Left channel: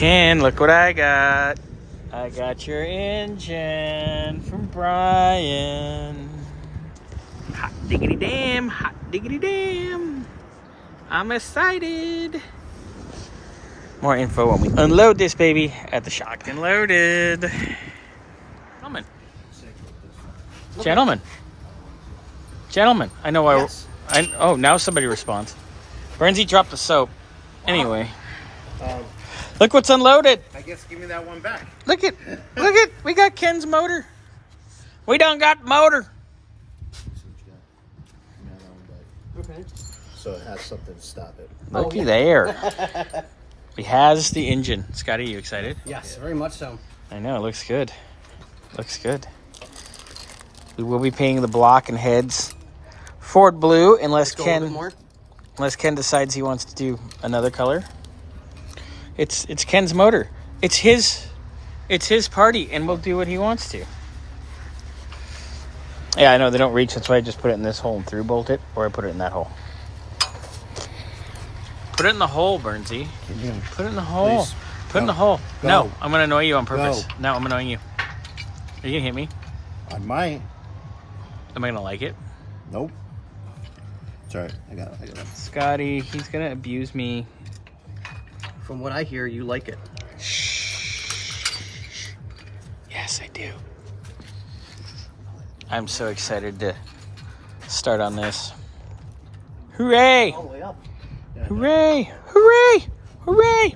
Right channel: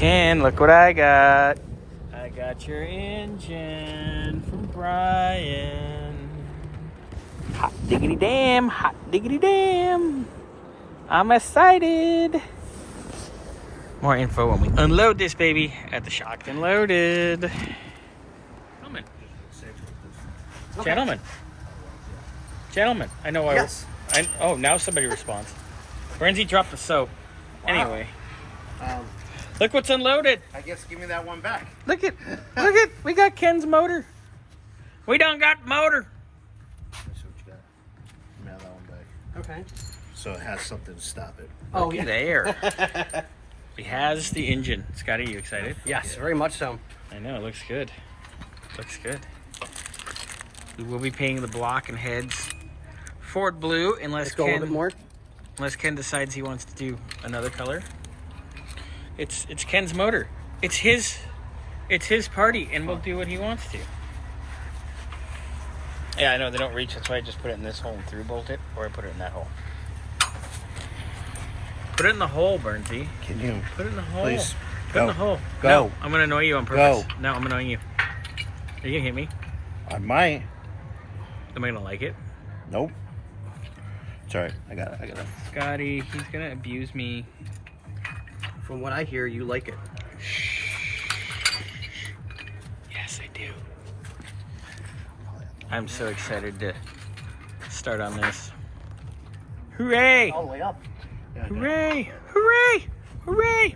Ken, look what I got. I got your engine from Brian. Hot diggity damn, hot diggity damn. I'm excited. More info when we unload this baby at the Shocked and Loaded. Gentlemen. Gentlemen. Gentlemen. I know Yes. Oh, now somebody responds. Bernsey dropped the soap. Wow. Anyway. Look what's unloaded. I guess give me that one back. Look at, we got Ken's motor. We done got motor. Let me see what you got. Mail that one back. Okay. So it has something to stop it. Looky there. He has the engine. Scotty, you excited? Yes, very much so. I know, it looks good. Looks good. We will be painting the block and heads Ford blue unless Let's go a little bit more. unless Ken decides he wants to do another color. It's Ken's motor. It's his party, and we'll do what he wants to. Yeah, I know they don't reach. That's why I just put it in this hole and through bolt it, or I put it in that hole. Put it in the hole, Bernsey. Can you? Put it in the hole. Please. Put it in the hole. Go. No, I'm gonna annoy you on purpose. Go. No, I'm annoying you. Are you gonna hit me? I might. Am I gonna like it? Nope. It's alright. I got it. Scotty, he's gonna abuse me. From what I hear, you like it. Yes, I do. I'm so excited to start on this. Hooray! All the way up. Hooray! Hooray! Hooray!